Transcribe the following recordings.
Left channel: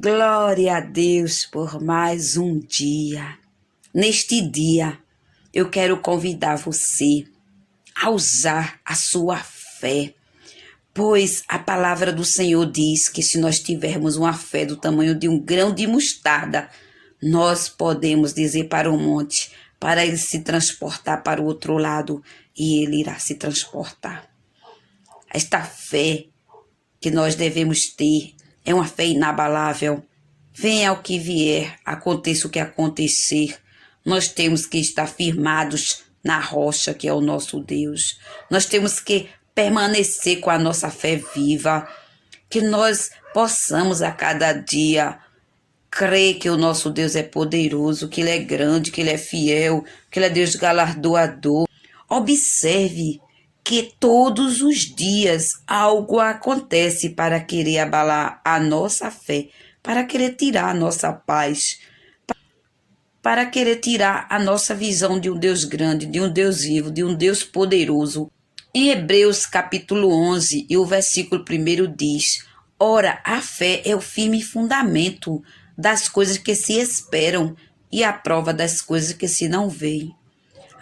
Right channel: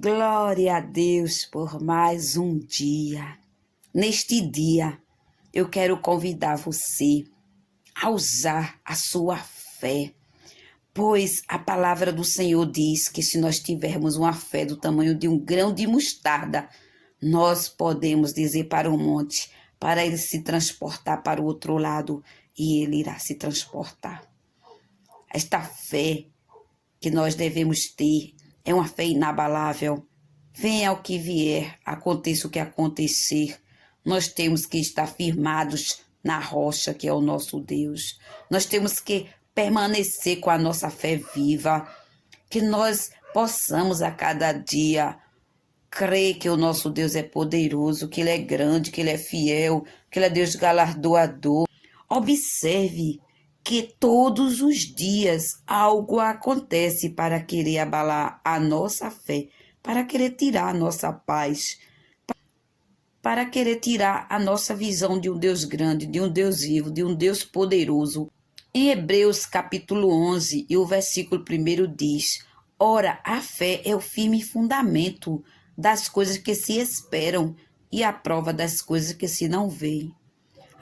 Glória a Deus por mais um dia. Neste dia, eu quero convidar você a usar a sua fé, pois a palavra do Senhor diz que se nós tivermos uma fé do tamanho de um grão de mostarda, nós podemos dizer para o monte, para ele se transportar para o outro lado, e ele irá se transportar. Esta fé que nós devemos ter é uma fé inabalável. Venha o que vier, aconteça o que acontecer, nós temos que estar firmados na rocha que é o nosso Deus. Nós temos que permanecer com a nossa fé viva, que nós possamos a cada dia crer que o nosso Deus é poderoso, que Ele é grande, que Ele é fiel, que Ele é Deus galardoador. Observe que todos os dias algo acontece para querer abalar a nossa fé, para querer tirar a nossa paz, para querer tirar a nossa visão de um Deus grande, de um Deus vivo, de um Deus poderoso. Em Hebreus capítulo 11, e o versículo 1 diz: Ora, a fé é o firme fundamento das coisas que se esperam e a prova das coisas que se não veem.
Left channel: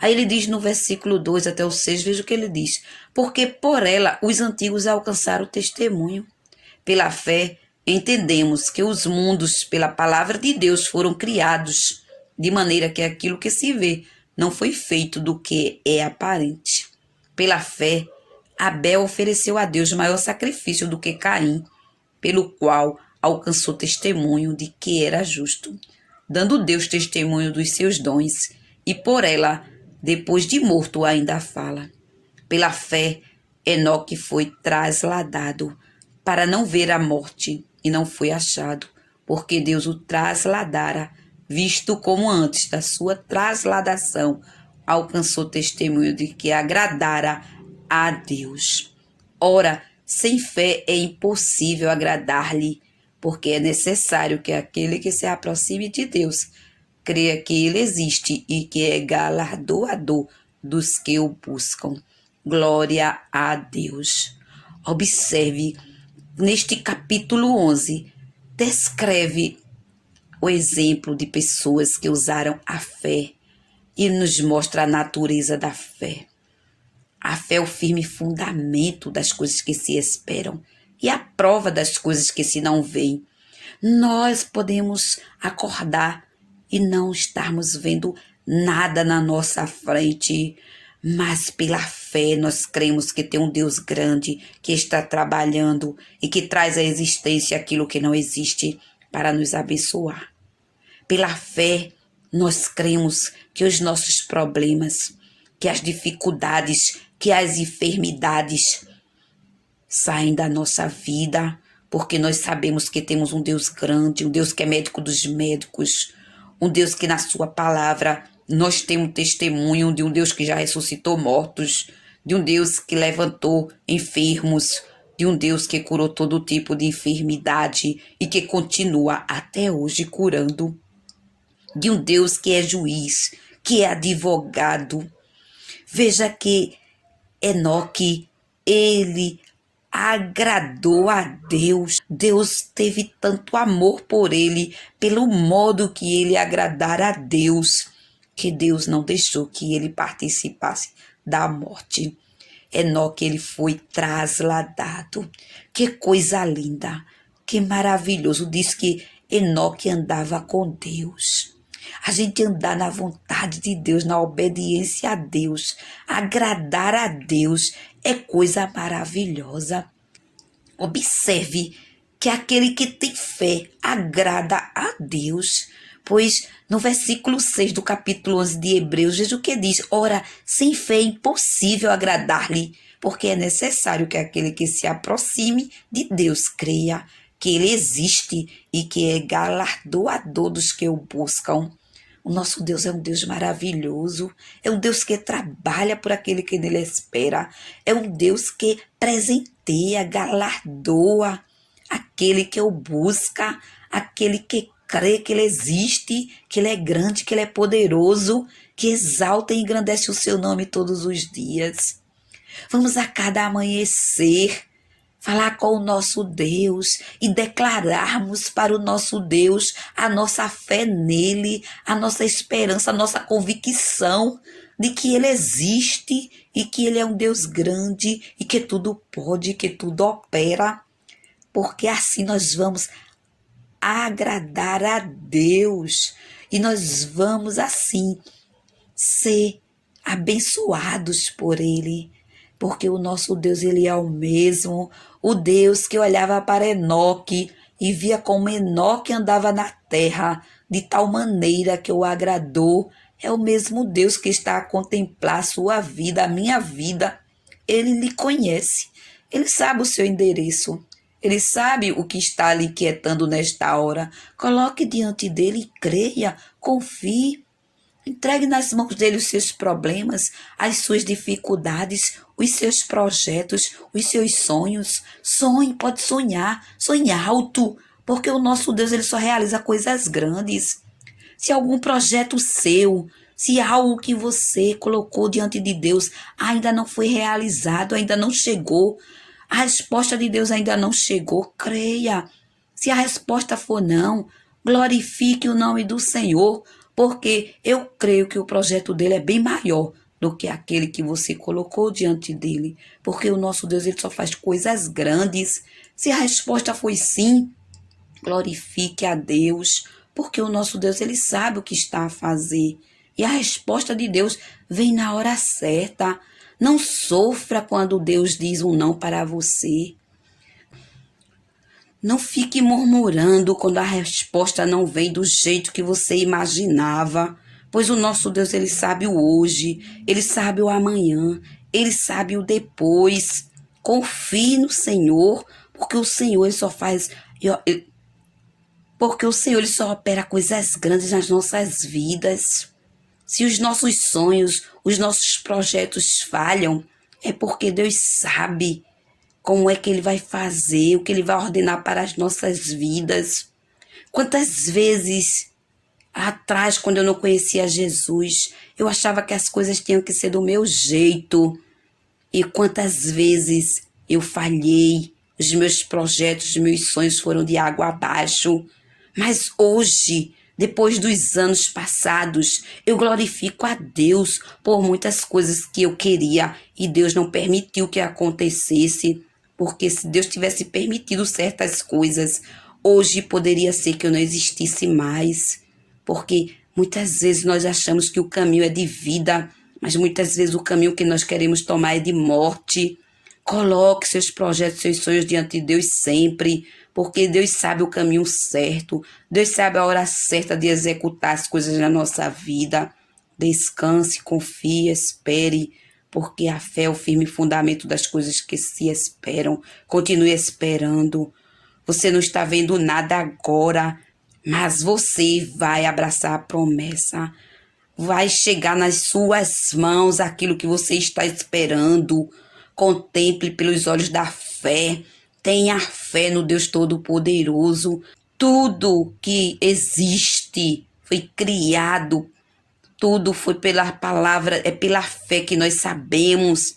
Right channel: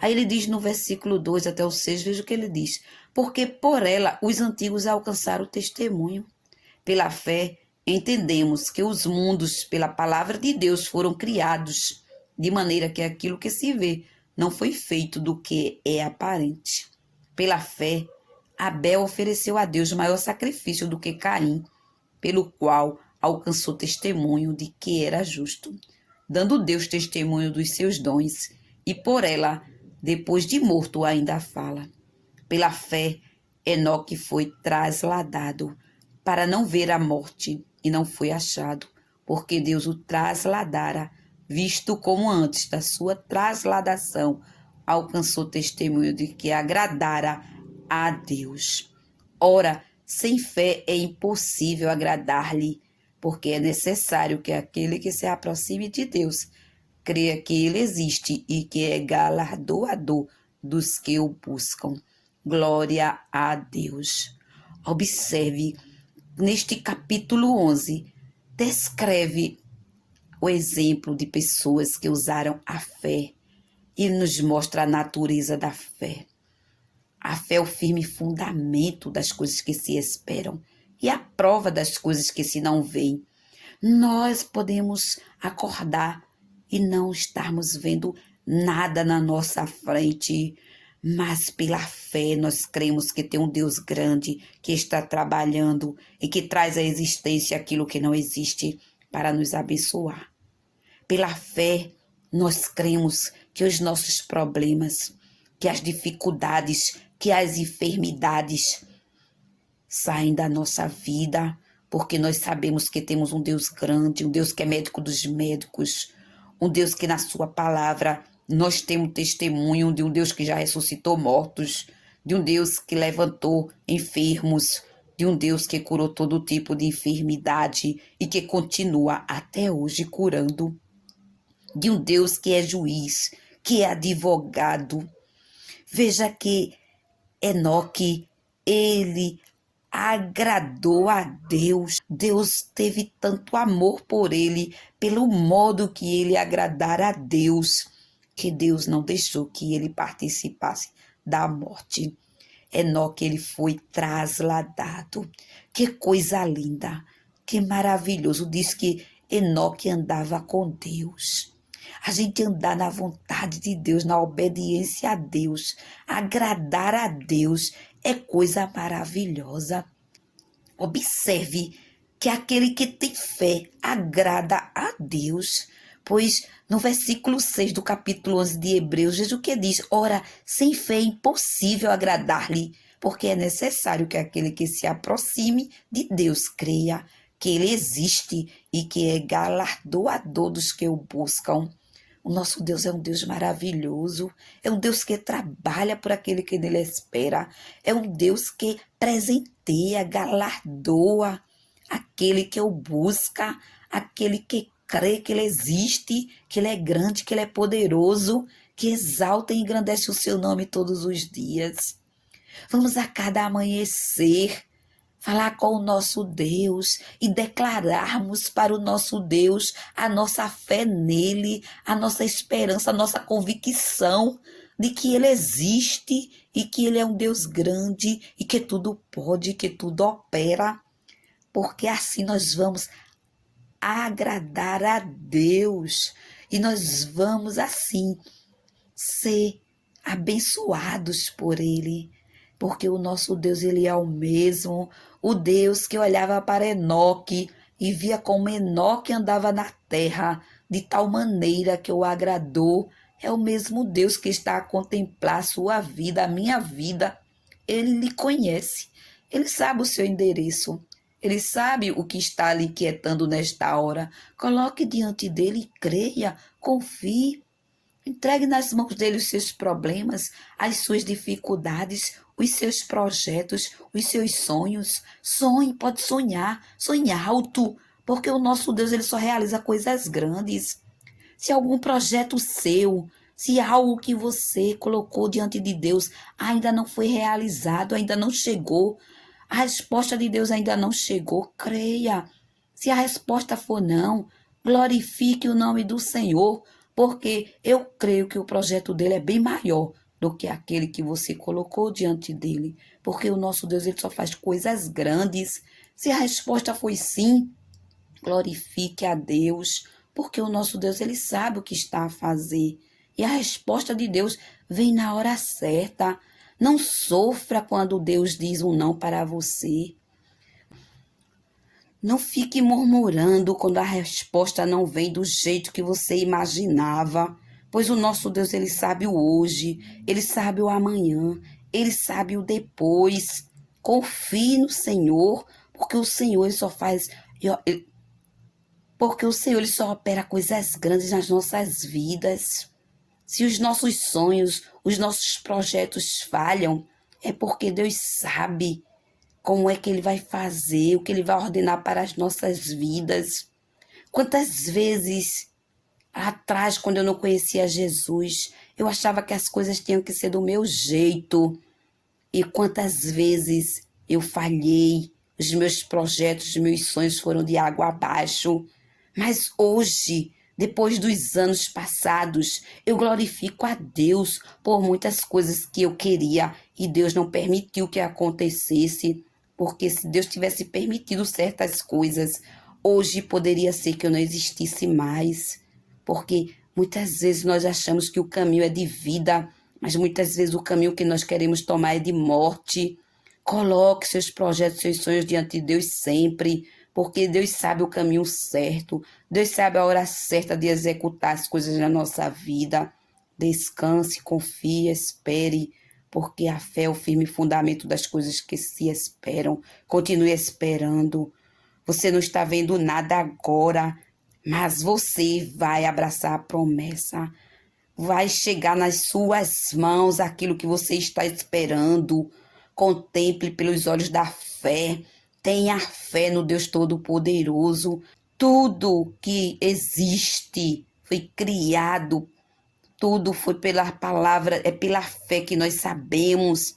Aí ele diz no versículo 2 até o 6, veja o que ele diz. Porque por ela os antigos alcançaram o testemunho. Pela fé entendemos que os mundos, pela palavra de Deus, foram criados, de maneira que aquilo que se vê não foi feito do que é aparente. Pela fé, Abel ofereceu a Deus maior sacrifício do que Caim, pelo qual alcançou testemunho de que era justo, dando Deus testemunho dos seus dons, e por ela, depois de morto, ainda fala. Pela fé, Enoque foi trasladado para não ver a morte, e não foi achado, porque Deus o trasladara, visto como antes da sua trasladação alcançou testemunho de que agradara a Deus. Ora, sem fé é impossível agradar-lhe, porque é necessário que aquele que se aproxime de Deus creia que ele existe e que é galardoador dos que o buscam. Glória a Deus. Observe, neste capítulo 11, descreve o exemplo de pessoas que usaram a fé e nos mostra a natureza da fé. A fé é o firme fundamento das coisas que se esperam e a prova das coisas que se não veem. Nós podemos acordar e não estarmos vendo nada na nossa frente, mas pela fé nós cremos que tem um Deus grande que está trabalhando e que traz à existência aquilo que não existe para nos abençoar. Pela fé nós cremos que os nossos problemas, que as dificuldades, que as enfermidades saem da nossa vida, porque nós sabemos que temos um Deus grande, um Deus que é médico dos médicos, um Deus que na sua palavra nós temos testemunho de um Deus que já ressuscitou mortos, de um Deus que levantou enfermos, de um Deus que curou todo tipo de enfermidade e que continua até hoje curando, de um Deus que é juiz, que é advogado. Veja que Enoque, ele agradou a Deus. Deus teve tanto amor por ele, pelo modo que ele agradara a Deus, que Deus não deixou que ele participasse da morte. Enoque, ele foi trasladado. Que coisa linda, que maravilhoso. Diz que Enoque andava com Deus. A gente andar na vontade de Deus, na obediência a Deus, agradar a Deus, é coisa maravilhosa. Observe que aquele que tem fé agrada a Deus, pois no versículo 6 do capítulo 11 de Hebreus, veja o que diz: Ora, sem fé é impossível agradar-lhe, porque é necessário que aquele que se aproxime de Deus creia que ele existe e que é galardoador dos que o buscam. O nosso Deus é um Deus maravilhoso, é um Deus que trabalha por aquele que nele espera, é um Deus que presenteia, galardoa aquele que o busca, aquele que crê que ele existe, que ele é grande, que ele é poderoso, que exalta e engrandece o seu nome todos os dias. Vamos a cada amanhecer falar com o nosso Deus e declararmos para o nosso Deus a nossa fé nele, a nossa esperança, a nossa convicção de que ele existe e que ele é um Deus grande e que tudo pode, que tudo opera, porque assim nós vamos agradar a Deus e nós vamos assim ser abençoados por ele, porque o nosso Deus, ele é o mesmo, o Deus que olhava para Enoque e via como Enoque andava na terra de tal maneira que o agradou, é o mesmo Deus que está a contemplar a sua vida, a minha vida. Ele lhe conhece, ele sabe o seu endereço, ele sabe o que está lhe inquietando nesta hora. Coloque diante dele e creia, confie. Entregue nas mãos dele os seus problemas, as suas dificuldades, os seus projetos, os seus sonhos. Sonhe, pode sonhar, sonhe alto, porque o nosso Deus ele só realiza coisas grandes. Se algum projeto seu, se algo que você colocou diante de Deus ainda não foi realizado, ainda não chegou, a resposta de Deus ainda não chegou, creia. Se a resposta for não, glorifique o nome do Senhor, porque eu creio que o projeto dele é bem maior do que aquele que você colocou diante dele, porque o nosso Deus ele só faz coisas grandes. Se a resposta foi sim, glorifique a Deus, porque o nosso Deus ele sabe o que está a fazer. E a resposta de Deus vem na hora certa. Não sofra quando Deus diz um não para você. Não fique murmurando quando a resposta não vem do jeito que você imaginava, pois o nosso Deus ele sabe o hoje, ele sabe o amanhã, ele sabe o depois. Confie no Senhor, porque o Senhor ele só faz, porque o Senhor ele só opera coisas grandes nas nossas vidas. Se os nossos sonhos, os nossos projetos falham, é porque Deus sabe como é que ele vai fazer, o que ele vai ordenar para as nossas vidas. Quantas vezes atrás, quando eu não conhecia Jesus, eu achava que as coisas tinham que ser do meu jeito. E quantas vezes eu falhei, os meus projetos, os meus sonhos foram de água abaixo. Mas hoje, depois dos anos passados, eu glorifico a Deus por muitas coisas que eu queria e Deus não permitiu que acontecesse. Porque se Deus tivesse permitido certas coisas, hoje poderia ser que eu não existisse mais. Porque muitas vezes nós achamos que o caminho é de vida, mas muitas vezes o caminho que nós queremos tomar é de morte. Coloque seus projetos, seus sonhos diante de Deus sempre, porque Deus sabe o caminho certo. Deus sabe a hora certa de executar as coisas na nossa vida. Descanse, confie, espere, porque a fé é o firme fundamento das coisas que se esperam. Continue esperando. Você não está vendo nada agora, mas você vai abraçar a promessa. Vai chegar nas suas mãos aquilo que você está esperando. Contemple pelos olhos da fé. Tenha fé no Deus Todo-Poderoso. Tudo que existe foi criado. Tudo foi pela palavra, é pela fé que nós sabemos.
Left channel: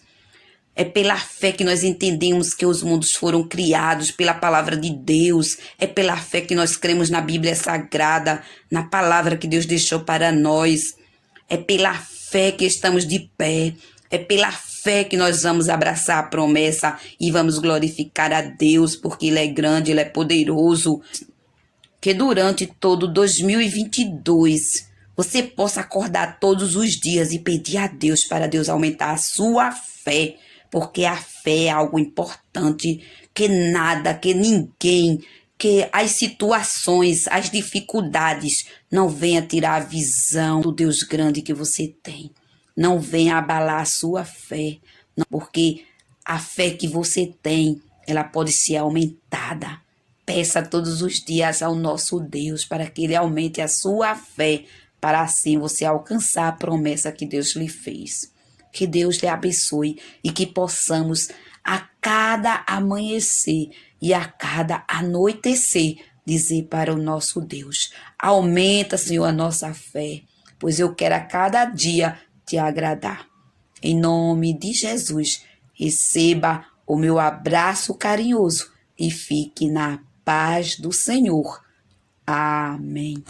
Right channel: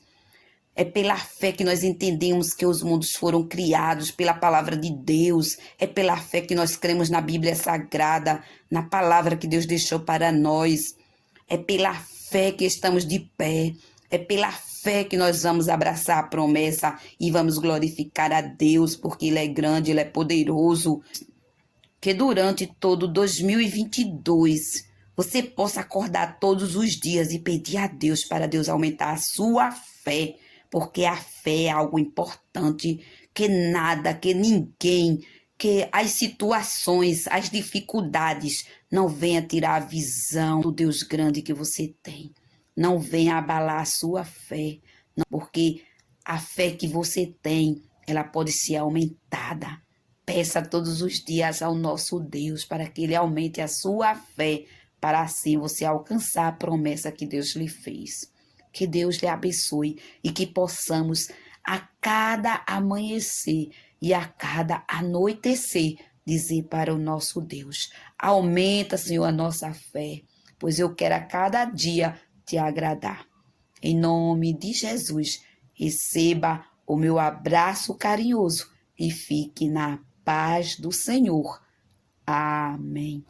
É pela fé que nós entendemos que os mundos foram criados, pela palavra de Deus. É pela fé que nós cremos na Bíblia Sagrada, na palavra que Deus deixou para nós. É pela fé que estamos de pé. É pela fé que nós vamos abraçar a promessa e vamos glorificar a Deus, porque Ele é grande, Ele é poderoso. Que durante todo 2022 você possa acordar todos os dias e pedir a Deus para Deus aumentar a sua fé, porque a fé é algo importante, que nada, que ninguém, que as situações, as dificuldades não venha tirar a visão do Deus grande que você tem. Não venha abalar a sua fé, porque a fé que você tem, ela pode ser aumentada. Peça todos os dias ao nosso Deus para que Ele aumente a sua fé, para assim você alcançar a promessa que Deus lhe fez. Que Deus lhe abençoe e que possamos a cada amanhecer e a cada anoitecer dizer para o nosso Deus: aumenta, Senhor, a nossa fé, pois eu quero a cada dia te agradar. Em nome de Jesus, receba o meu abraço carinhoso e fique na paz do Senhor. Amém.